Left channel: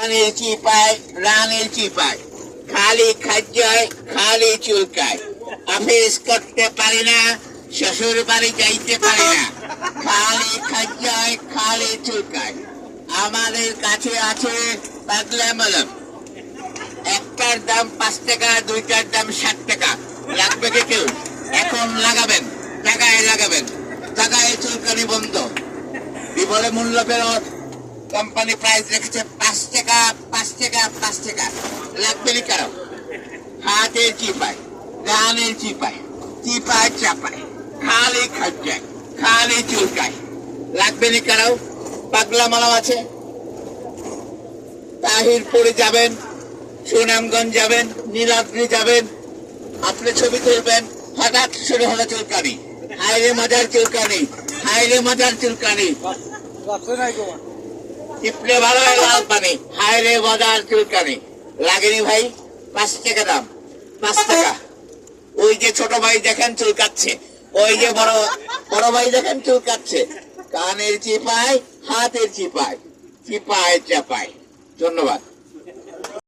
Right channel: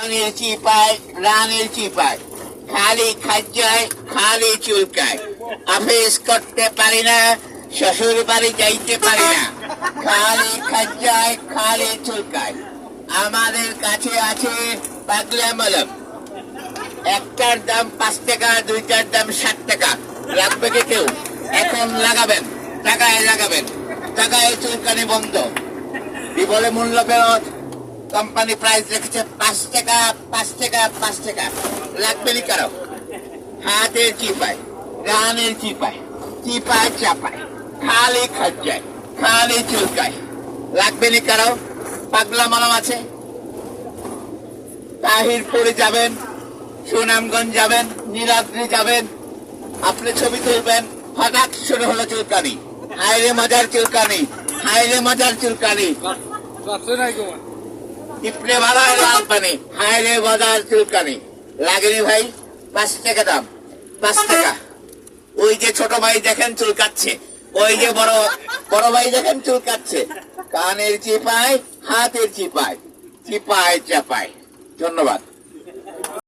রানের চিপায় রানের চিপায় খালি খাদ্যয় খালি চুলকায়। অফিস করতে পারি না, শ্বশুর বাড়ি যাইতে পারি না, খালি খাদ্যয় খালি চুলকায়। আমাদের কাছে আছে পাগলা মলম, একটার দাম 5 টাকা, দুইটার দাম 60 টাকা। লাগবে কি কেউ? এখন লাগাবেন, টাকায় লাগাবেন, টাকায় চুলকানি বন্ধ। কি বলে মূল্য ফেরত। কোম্পানি প্রাইস রেখেছে 5 টাকা, 5 টাকা, 5 টাকা। লাগবে নি কারো? হাতের চিপায়, রানের চিপায়, চিপায় চাপায়, খালি খাজ্জায়, খালি চুলকায়। লাগবে নি কারো? পাগলা মলম আছে। তাহিরপুরে যাবেন, সুনামগঞ্জ যাবেন, নীলাদ্রি যাবেন, আপনি ছবি তুলবেন, হঠাৎ শুরু হলো চুলকানি। হায়রে মজার চুলকানি, হায়রে মজার চুলকানি। টিপলে ভালো হয় লাল পানি, হায়রে মজার চুলকানি। লাগেনি ভাই? 5 টাকা দাম, 5 টাকা। ওই যে ছোট ভাই দেখেন চুলকাচ্ছে, ওই যে বড় ভাই দেখেন চুলকাচ্ছে। কানের চিপায়, হাতের চিপায়, চিপায় চাপায়। ধন্যবাদ।